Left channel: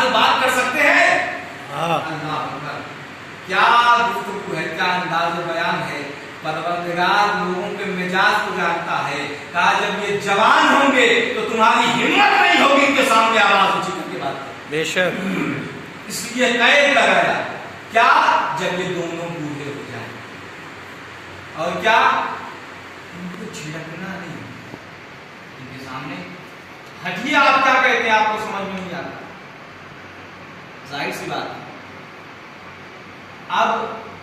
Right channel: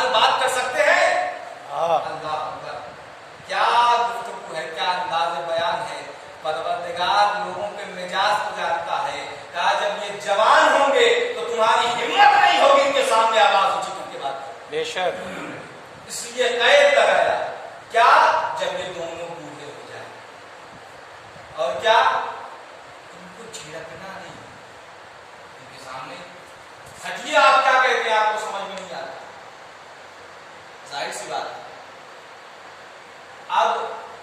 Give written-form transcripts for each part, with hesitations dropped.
انداز میں بات کر سکتے ہیں؟ اللہ اکبر، کیا گفتگو ہے، کیا انداز بیان ہے۔ پروردگار لوگوں کے مزاج کو جانتا ہے، کہا جب یہ جوان ہوں گے تو تمہاری ہمت نہیں ہوگی ان کے سامنے آواز اونچی کر کے بات کریں۔ بے شک، اس لیے قید کرایا، کیا جب یہ دونوں بوڑھے ہو جائیں، اور کیا ان کو جھڑکنا نہیں ان کے سامنے۔ ہٹیے، آپ کیا کہتے ہیں، آپ کو سمجھ میں نہیں آتا، ظاہر سی بات۔ اب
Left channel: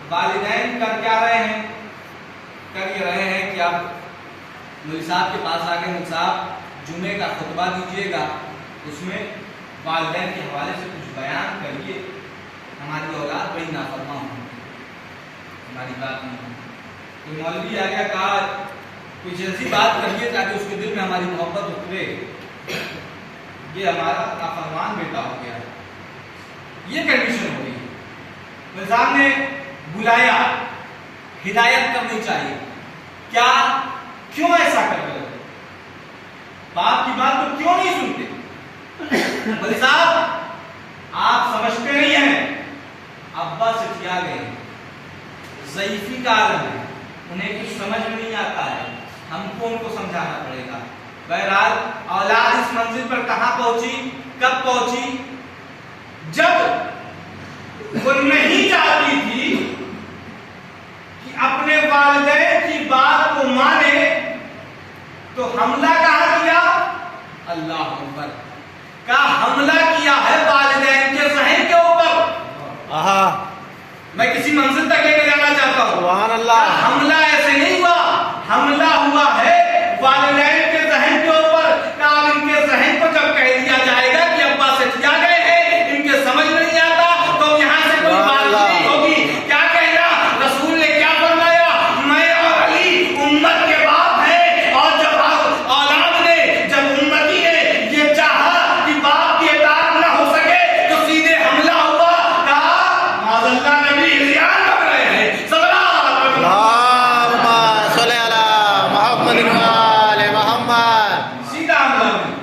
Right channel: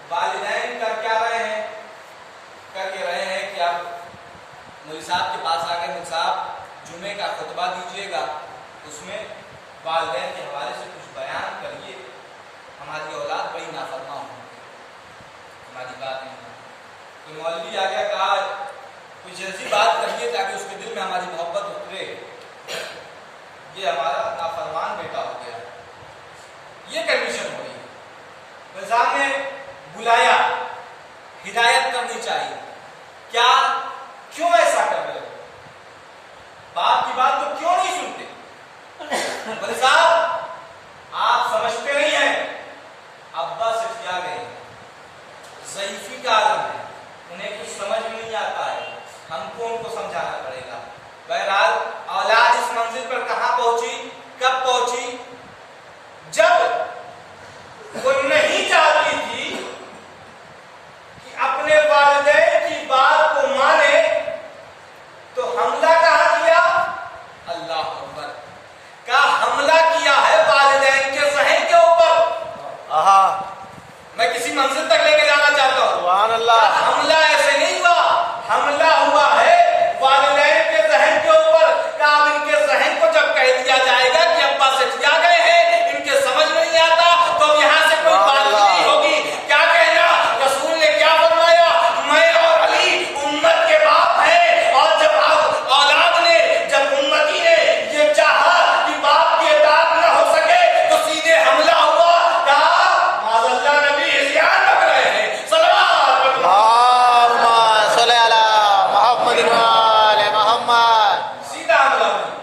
والدین کر کیا رہے ہیں؟ کر یہ رہے ہیں کہ اب مولوی صاحب کے پاس آ کے مولوی صاحب جمعے کا خطبہ دیجیے گا، اس میں والدین کے حوالے سے کچھ بیان کریے، ہماری اولاد بڑی نافرمان ہوگی، ہماری بات نہیں مانتی۔ تو مولوی آ گیا، کہا کچھ ایسی بات کریے تاکہ اس کے دل میں ہماری محبت اترے، یہ ہمارا نافرمان بیٹا ہو گیا، یہ کنڈیشن ہو رہی ہے۔ مولوی صاحب نے بلایا، ہدایت کرنی چاہیے، کیا کیوں ایسا کر رہے ہو، باپ کی بات تو کیوں نہیں سنتے؟ مولوی صاحب آپ سمجھتے نہیں ہیں، ابا سٹیا گئے، ضعیفی کا عالم ہے، انہیں کچھ سمجھ میں نہیں آتا ہے، ہم کو ان کو سمجھانا پڑے گا۔ بہرحال اولاد اس منزل پر کہاں پہنچی، کب پہنچی؟ جب وہ نہیں چاہتی تھی کہ اپنے والدین کی بات کو مانے، تو حملہ کہاں کیا؟ اللہ اکبر، کا حملہ کیا ہے والدین کے ذہن کے اوپر۔ میں کسی منزل تک لے کے جانا چاہتا ہوں، سبحان اللہ۔ حملہ ایسے نہیں ہوا، حملہ ہوا ہے والدین کے ذہن کے اوپر۔ کہ ان کے ذہن کو جب کہہ دیا جائے گا کہ ابا سٹیا گئے ہیں، ان کے سمجھ میں نہیں آتا، تو یہاں سے کوئی بات نہیں ہوگی، کیا کہنا؟ رسول نے کیا فرمایا؟ میں اور علی امت کے باپ ہیں، اور جب اولاد نے، جب امتی نے یہ چاہا کہ باپ کی اطاعت نہ ہو سکے تو سیدھے حملہ ہوا، کہا معاذ اللہ نبی عصیان کر رہے ہیں، صلوات اللہم صلی علی محمد و آل محمد۔ سیدھا حملہ ہوئی۔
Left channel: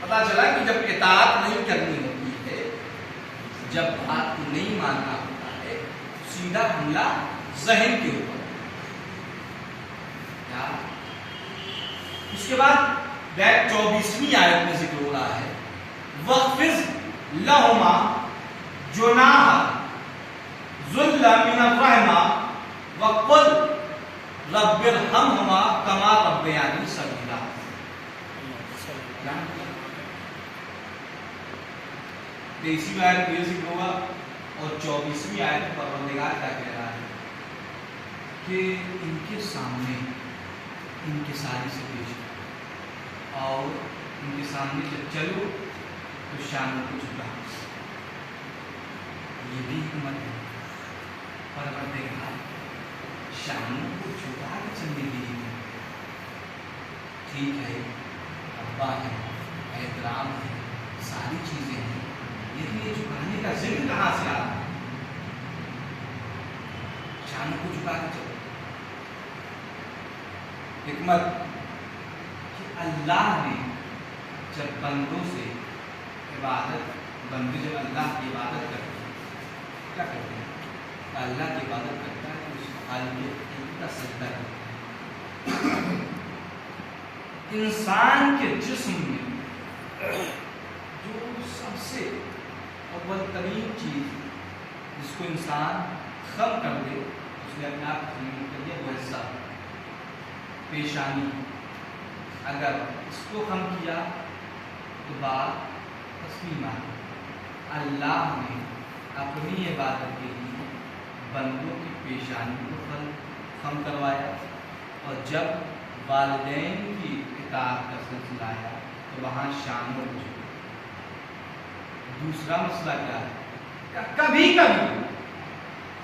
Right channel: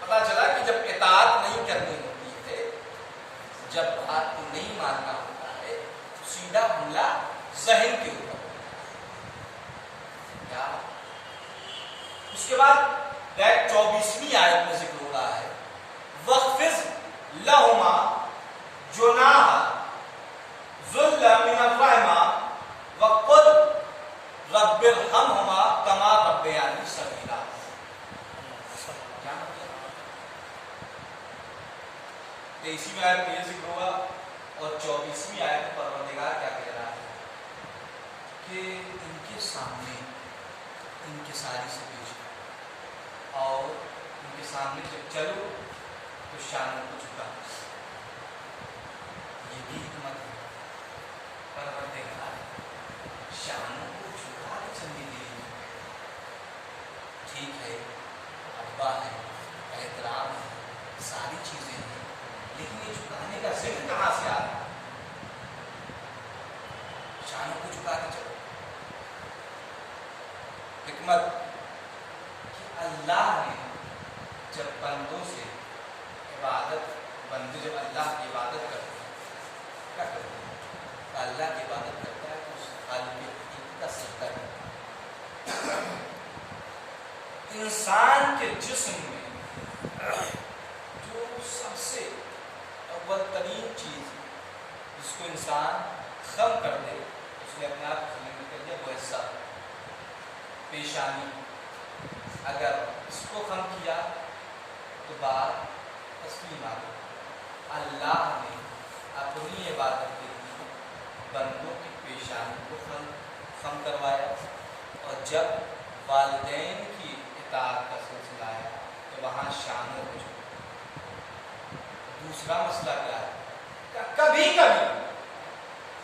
پتا چلا کہ جب اطاعت نہیں کرنی ہوتی ہے، جب بات کو نہیں ماننا ہوتا ہے، سیدھا حملہ ذہن کے اوپر۔ کیا اس کے بعد 24ویں آیت میں ذکر ہو رہا ہے، وَخْفِضْ لَهُمَا جُنَاحَ الذُّلِّ مِنَ الرَّحْمَةِ وَقُلْ رَبِّ ارْحَمْهُمَا كَمَا رَبَّيَانِي صَغِيرًا۔ تیسری آیت میں یہ ذکر ہوگا، اور 24ویں آیت میں پروردگار کیا کہہ رہا ہے کہ ان کے سامنے ان کے ساری سے پیش، اور ان کے سامنے جب چلو تو شانوں کو جھکا۔ یہ بھی حکمت ہے، پروردگار شانوں کو جھکا کے چلنے کے لیے۔ ٹھیک ہے، ابا ہے، احترام ہے، ساری چیزیں ہیں، لیکن یہ جھکانے کا ذکر کہاں سے آ رہا؟ شانوں کو جھکا کے چلو۔ حکمت کہ اللہ نے جب بندوں سے عبادت، بندے جب اللہ کی عبادت کرتے ہیں، کیا کرتے ہیں؟ اللہ کی عبادت کرتا ہے تو اس خالق کا سجدہ کرتا ہے۔ انسان کے جسم میں جو سب سے اول ترین چیز جس کو انسان خم کر دے، اس نے اپنے آپ خم کر دیا، وہ حصہ پیشانی۔ اگر اس کو خم کیا تو بات تسلیم آ گئی۔ اللہ نے اپنی عبادت کے لیے بندوں کی پیشانی کو خم کروایا، اور جب والدین کی اطاعت کا سلسلہ آیا تو وہاں شانوں کو جھکا۔ دوسرا مسئلہ کیا ہے؟ کبھی کبھی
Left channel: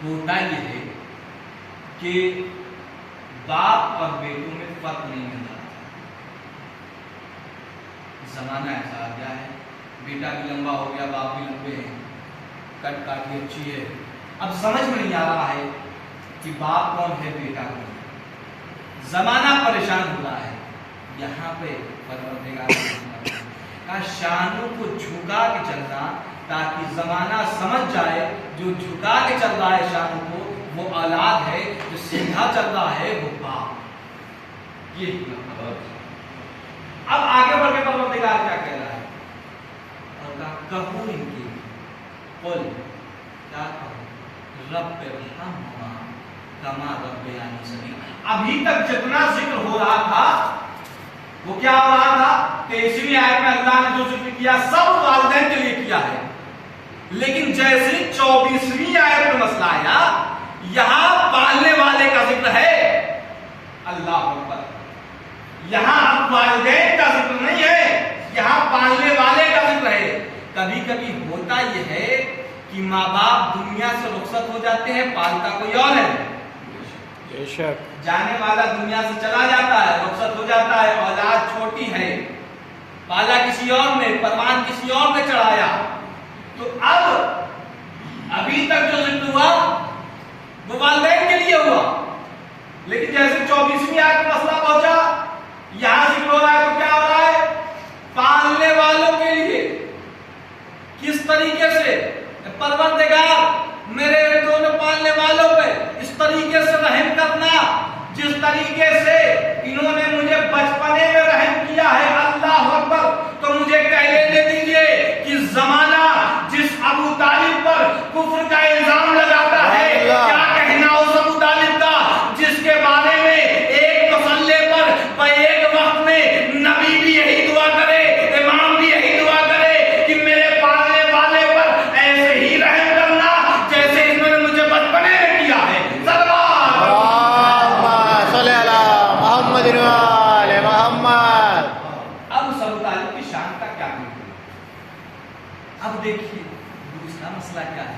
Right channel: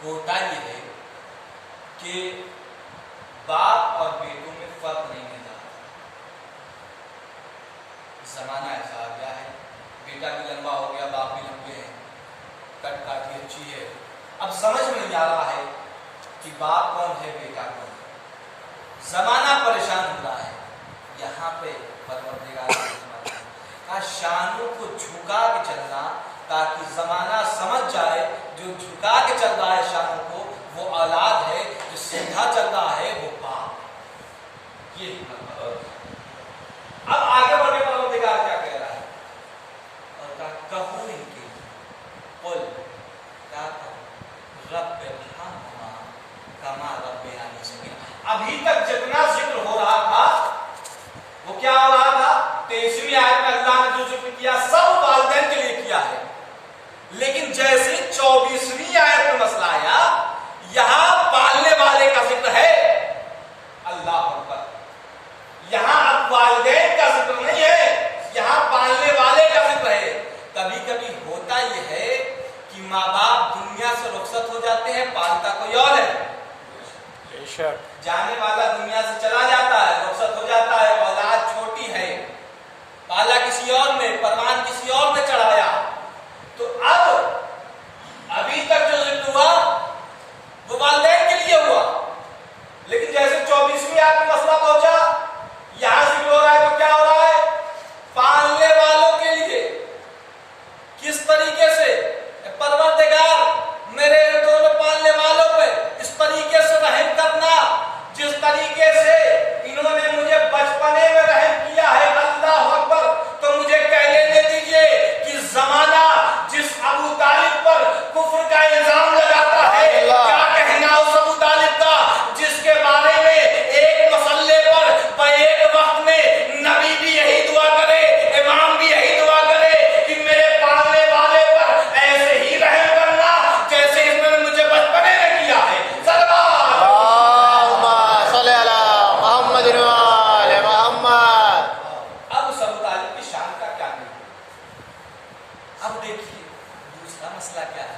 ہوتا یہ ہے کہ باپ اور بیٹوں میں فرق نہیں ملتا۔ زمانہ ایسا آ گیا ہے، بیٹا بھی لمبا ہو گیا، باپ بھی لمبے ہیں، کٹ کاٹی اچھی ہے، اب سمجھ میں نہیں آ رہا ہے کہ باپ کون ہے، بیٹا کون ہے، زمانہ پریشان ہو رہا ہے۔ یہاں پہ پروردگار کی حکمت ہے کہا شانوں کو جھکا کے چلنا تاکہ زمانہ سمجھ جائے جو جھکا کے چل رہا ہے شانوں کو وہ اولاد ہے، جو سیدھا چل رہا ہے وہ باپ۔ یہ حکمت ہے۔ اب آگے بڑھ کے پروردگار کیا کہہ رہا ہے؟ اور کہا کہو ان کے قل، کیا کہو رب ارحمہما کما ربیانی صغیرا۔ ابھی تک جتنا ذکر ہو رہا تھا وہ کیا ہو رہا تھا؟ 23ویں آیت میں اللہ نے جو ذکر کیا سب والدین کے لیے کیا ہے، لیکن جیسے 24ویں آیت میں مسئلہ آیا یہاں پالنے والے کا ذکر ہے۔ اللہ اکبر، یہاں اب والدین کا ذکر نہیں ہے، یہاں پالنے والے کا ذکر ہے۔ کبھی کبھی ہوتا یہ ہے کہ ماں باپ دنیا سے رخصت ہو جاتے ہیں، پالتا کوئی اور ہے، جانے والا دنیا سے چلا جاتا ہے، رخصت ہو جاتا ہے، اولاد چھوٹی ہے، پالا کسی اور نے، پروان کسی اور نے چڑھایا۔ تو اب ابھی تک جو ذکر ہوا وہ والدین کے لیے ہوا، لیکن جیسے 24ویں آیت میں مسئلہ پہنچا یہاں ذکر ہو رہا ہے تو کیا ہو رہا ہے؟ پالنے والوں کے لیے۔ کس طریقے سے؟ پروردگار میرے ان دونوں پالنے والوں پہ اس طریقے سے رحم کرنا جس طریقے سے انہوں نے مجھے بچپنے میں رحم کیا ہے۔ اللہ اکبر، تو مجھے کہنے دے دیجئے کہ زمانہ جس ابو طالب پر کفر کا الزام لگاتا ہے، کیا کہنا اس ابو طالب کا جس کے بارے میں ایک مسئلے پر ایک وقت میں نبی بھی یہی دعا کرے، امام بھی یہی دعا کرے کہ میرے پالنے والے پر ایسے ہی رحم کرنا جیسے اس نے مجھے بچپنے میں کیا ہے۔ اب اس ابو طالب کی شان کا کیا ہے؟ اب دیکھیے دوسرا مسئلہ کیا ہے۔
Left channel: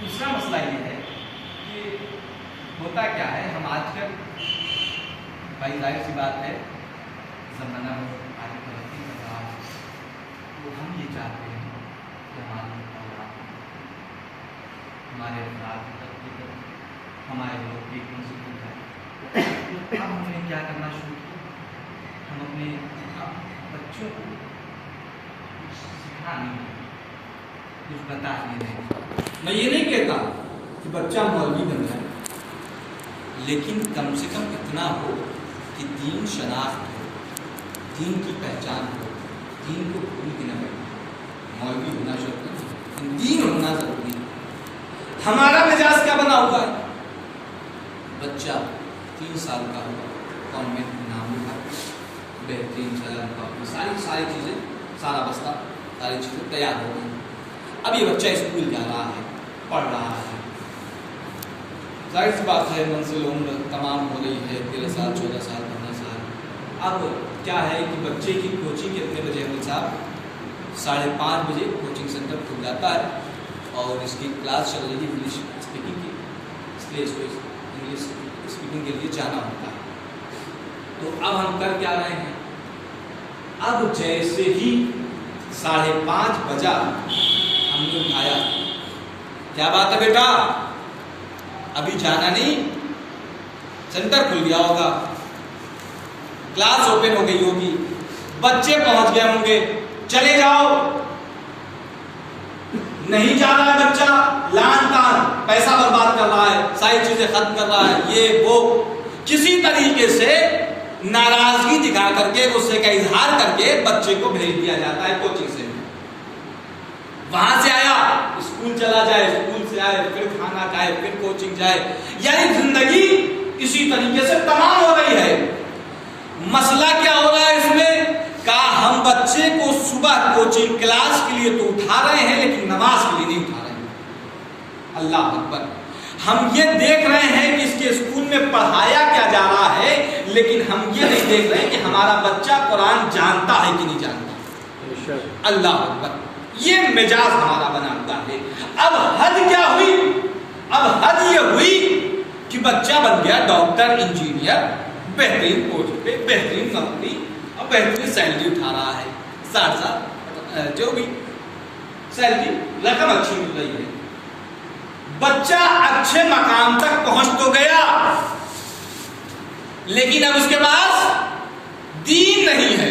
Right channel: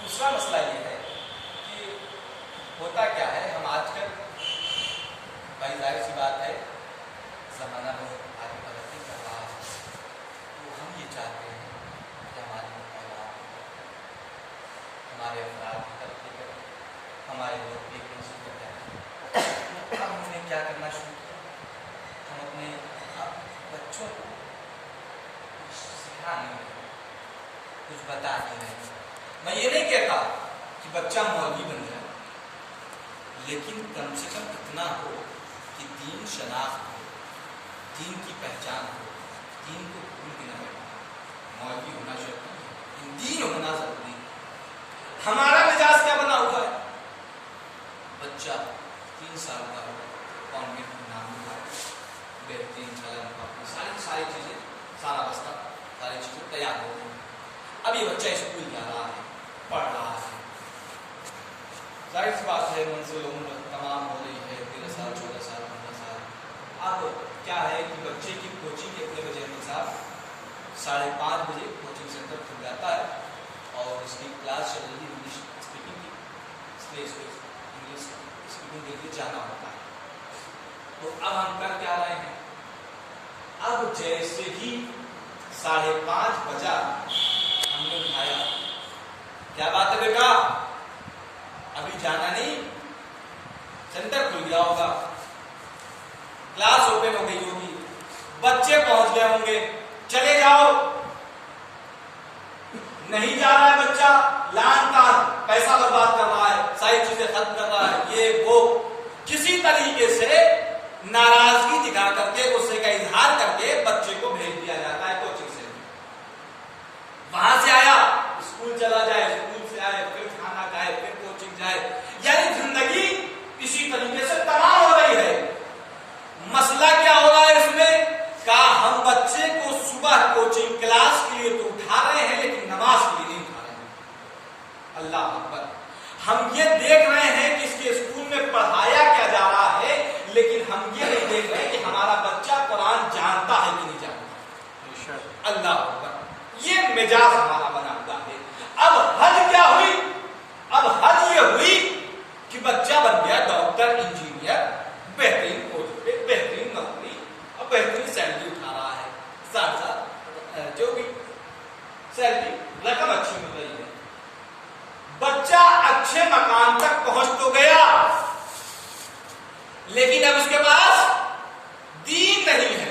دوسرا مسئلہ یہ ہے کہ ہوتا کیا ہے، ہم آج کل بھائی ظاہر سی بات ہے زمانہ بہت آگے ترقی کر رہا ہے، تو ہم یہ چاہتے ہیں کہ ہماری اولاد، ہمارے افراد ترقی کریں، ہمارے لوگ بھی ذکر کریں۔ اب ہم نے کیا کرنا شروع کیا، ہم اپنے بچوں کو کچھ سکھا نہیں رہے، کچھ بتا نہیں رہے۔ میں یہ نہیں کہتا کہ بچہ مولوی بن جائے، لیکن کم سے کم اتنا ہو کہ دین شناخت ہو، دین کی پہچان ہو، دین کو بھول بھی نہ بنے۔ مولوی ہونا ضروری ہے، دین ہونا ضروری ہے۔ ہمارا مزاج کیا بنا ہوا ہے؟ بچہ 3 سال کا ہوا، کانوینٹ میں نام لکھا، بہترین ساری چیزیں، سارا بستہ، ساری چیزیں تیار ہو گئی۔ اب یہ بچہ اسکول جا رہا ہے، پڑھ رہا ہے، ظاہر سی بات ہے منزل عمر تمام ہو رہی ہے، 13 سال 14 سال 15 سال۔ اب کیا ہے کہ بچے کی کوچنگ کتنے بجے ہے صاحب؟ 5:30 بجے کوچنگ سینٹر کھل جاتا ہے اور اس کی کلاس چل رہی ہے انگلش اسپیکنگ کی، اس لیے اس کو انگلش اسپیکنگ کے لیے جانا ہوتا ہے۔ تو اب ہم کر کیا رہے ہیں؟ اب جیسے ہی 5:30 بجا ہم نے اٹھایا، کیا بات ہے بیٹا ابھی جانا نہیں؟ سینٹر کھل گیا ہوگا، کلاس اوپن ہو گئی ہوگی، بچے پہنچ گئے ہوں گے، چلے جاؤ۔ نہیں جا رہا ہے بچہ، لان تان پیسہ برباد کر رہا ہے، ساری چیزیں ختم کر رہا ہے، یہ وہ کسی طریقے سے ناراضگی دکھا کر کے، غصے کا اظہار کر کے بچے کو بھیج دیا جاتا ہے کوچنگ سینٹر۔ وہاں سے آیا اسکول چلا جائے، اسکول سے آئے پھر کھانا کھائے، پھر کوچنگ جائے، یعنی زندگی اسی طریقے سے تمام ہو رہی ہے۔ مسئلہ کیا ہو رہا ہے اس میں؟ ہم بچے کو صبح کوچنگ کلاس کے لیے تو اٹھا رہے ہیں لیکن نماز کے لیے نہیں اٹھا رہے ہیں۔ اللہ اکبر، ہم یہ دیکھ رہے ہیں کہ اس کے اسکول میں پڑھایا کیا جا رہا ہے، لیکن ہم یہ نہیں دیکھ رہے کہ ہمارا بچہ قرآن جانتا ہے کہ نہیں جانتا۔ اللہ اکبر، یہ مزاج ہمارا بنا ہوا ہے۔ اب حد کیا ہوئی؟ اب حد یہ ہوئی کہ بچہ بن گیا ڈاکٹر، انجینئر، بہترین پوسٹ پہ، بہترین نوکری اور بہترین سیلری اٹھا رہا ہے، 60,000 جو بھی سیلری، رقم اچھی مل رہی ہے۔ بچہ اچھے مقام تک پہنچ تو گیا، لیکن اب اس کے پاس دین نہیں ہے۔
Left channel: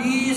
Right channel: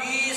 20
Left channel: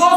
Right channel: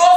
2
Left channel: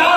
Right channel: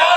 4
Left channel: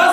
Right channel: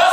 10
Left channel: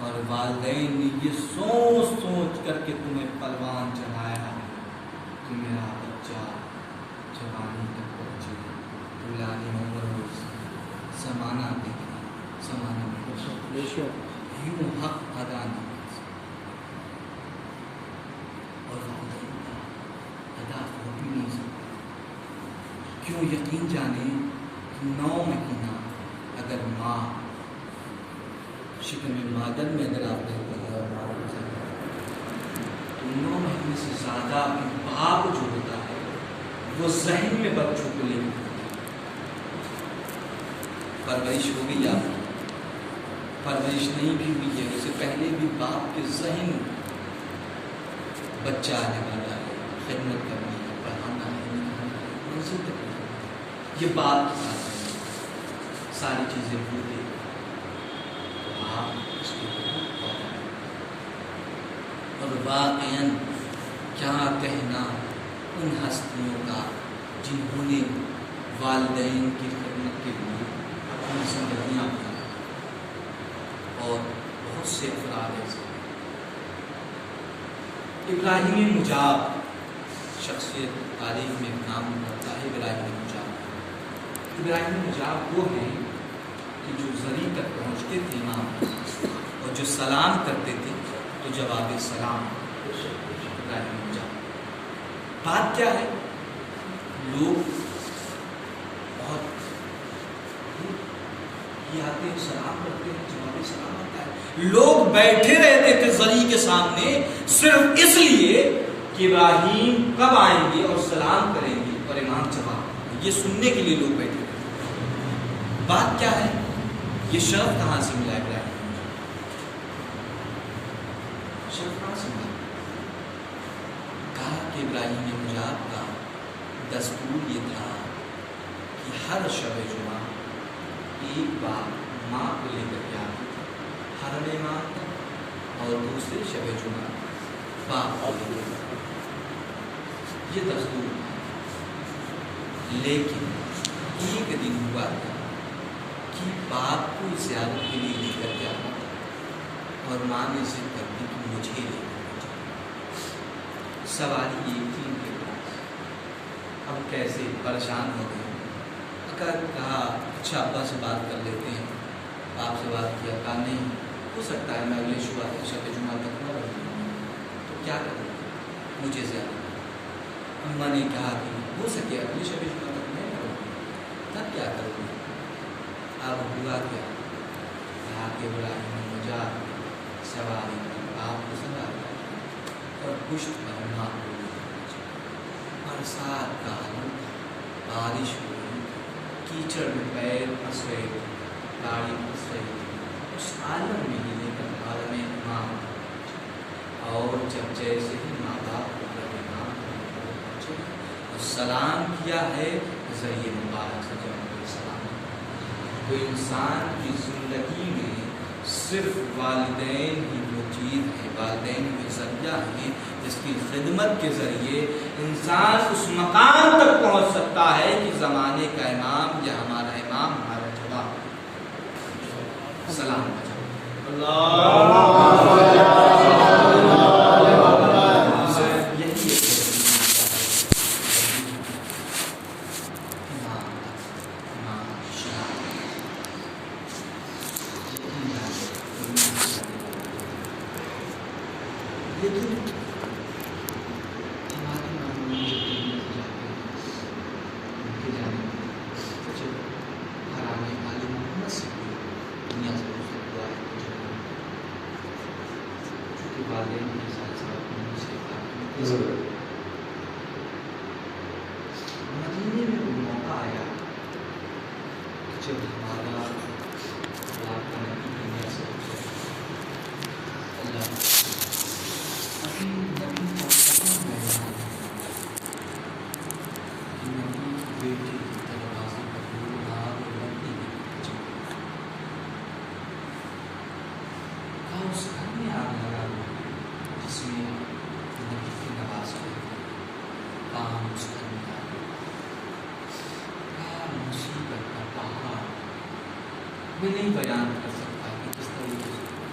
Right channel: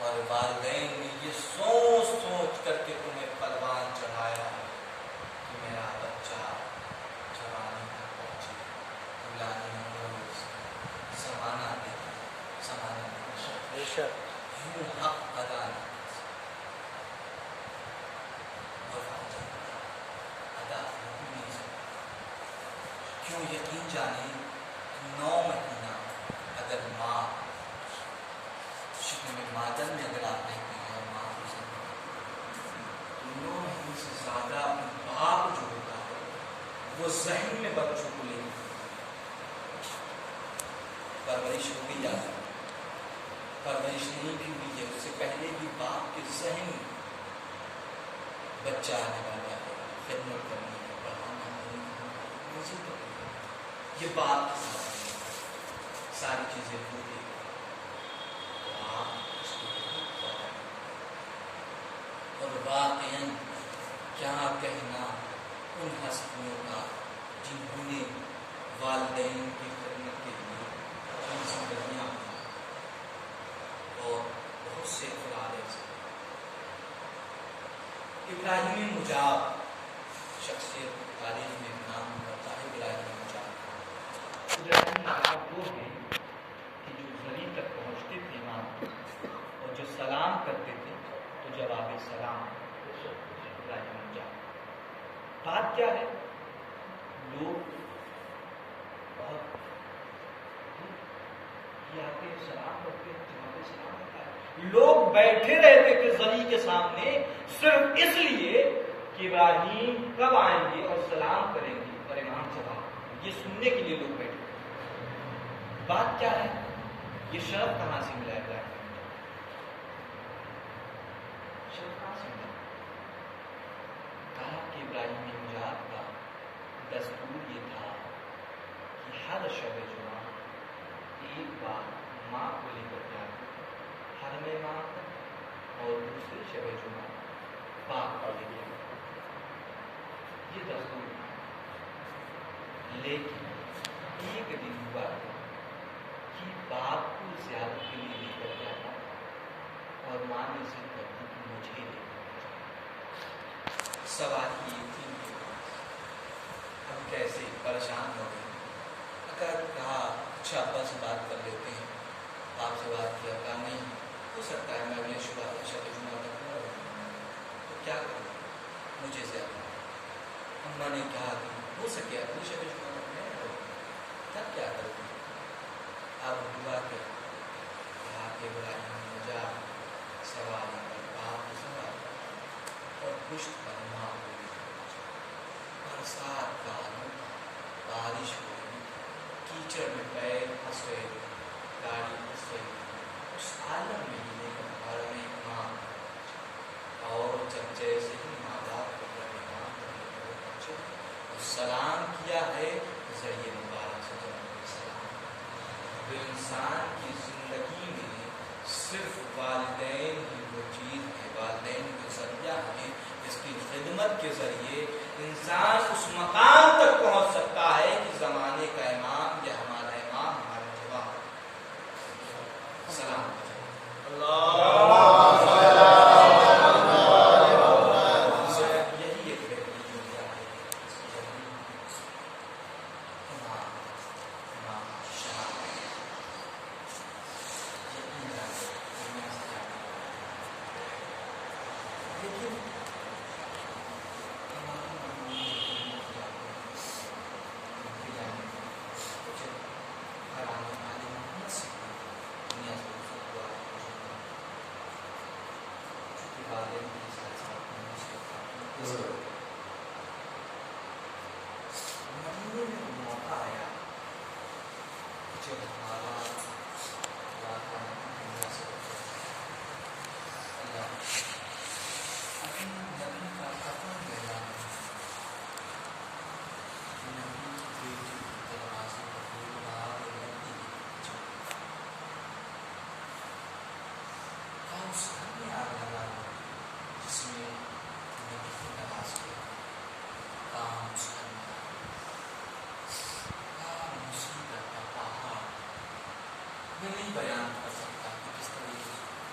اور والدین نے یہ سوچ سوچ کر کے تمہیں پروان چڑھایا ہے کہ میرا بچہ جوانی تک پہنچے، بلانے عمر زمانہ دے، زمانہ دے یوں حق ادا نہیں کر سکتا، اور والدین کا ادا ہو بھی نہیں سکتا۔ کیوں؟ یقین جانے 9 مہینہ اگر ماں شکم مادر میں اگر آپ دیکھتے ہیں اور مادر سے 9 مہینے سے زیادہ اپنے باپ جو ہوتا ہے وہ ذہن میں بچوں کو لے کے پرورش ہو بھی جاتی ہے، پرورش نہیں بھی ہوئی ہے، اس سے پہلے بھی باپ کے ذہن بچہ آنے والا ہے، خدمت کرنی ہے، پڑھانا ہے، یہ بات کے ساتھ ساری چیزیں بھولے آپ اس کو اور واقعاً کیا کہنا ان ہستیوں کا جنہوں نے والدین کی خدمت کے لیے اپنی زندگیاں اور بہت سے افراد ایسے۔ ابراہیم مجاب شخصیت تاریخ میں نام کرتا ہے ابراہیم مجاب۔ ابراہیم مجاب وہ ہیں کہ جو زری تک پہنچتے تھے امام اور جو سلام کرتے تھے تو جواب سلام ابراہیم مجاب۔ بات کیا ہے؟ لوگ بہت یہ آتے ہیں سلام کرتے ہیں، جواب سلام ہوتا ہے، لوگ بیٹھے رہتے تھے زری کے سامنے صرف اس لیے کہ ابراہیم کب آئیں گے اور سلام کریں گے اور امام جواب، یہ سننے کے لیے لوگ بیٹھے تھے۔ بات کیا ہے؟ یہ شرف کہاں سے ملا ابراہیم؟ شرف کہاں سے ملا؟ کہا کہ ابراہیم مجاب کا دستور یہ تھا کہ ہر شب جمعہ ایک بار ماں کو لے کر کے آتے تھے حرم امام تک، اور دوسرے شب جمعہ باپ کو لے کر آتے تھے، یہ دستور تھا۔ لیکن ایک دن ہوا تھا کہ باپ کو زیارت کے لیے لے کر کے آنا تھا اور ماں نے ضد کر دی کہ مجھے لے کر جاؤ۔ سواری یہ تھی ان کے پاس، ہم کیسے پریشان ہو گئے، اگر کہا اچھا ابا سے بات کر لیتے ہیں، آپ سے بات کیا، کہا نہیں ہو سکتا ہے میں اگلے شب جمعہ تک نہ رہوں، تو کیا کریں مجھے زیادہ۔ اماں نے کہا کہ ہو سکے اگلے شب جمعہ تک میں رہوں، تب کیا کروں گی؟ اب ہوا کیا؟ کہا کہ ابراہیم مجاب سواری آپ کو سواری اور پشت پر ماں کو برسات کا عالم، بارش ہوئی، کیچڑ میں پیر پھنس گئے، گاڑی پھنس گئی، اس عالم میں ہی لے کر حرم امام، اور جب جیسے ہی ماں باپ کو سلام کیا ہے ذریعے مبارک سے جب سلام، تو انسان کی زندگی میں صرف والدین ہی وہ چیز ہے، والدین کے ذریعہ ہے، اس کی خدمت کے ذریعے انسان اس مقام تک پہنچ سکتا ہے کہ زمانے کا امام یا ہمارا امام ہمارا جواب سلام مدینے میں وہ موقع آیا جب ہمارا میں نہیں بیان کر سکتا کہ کس طریقے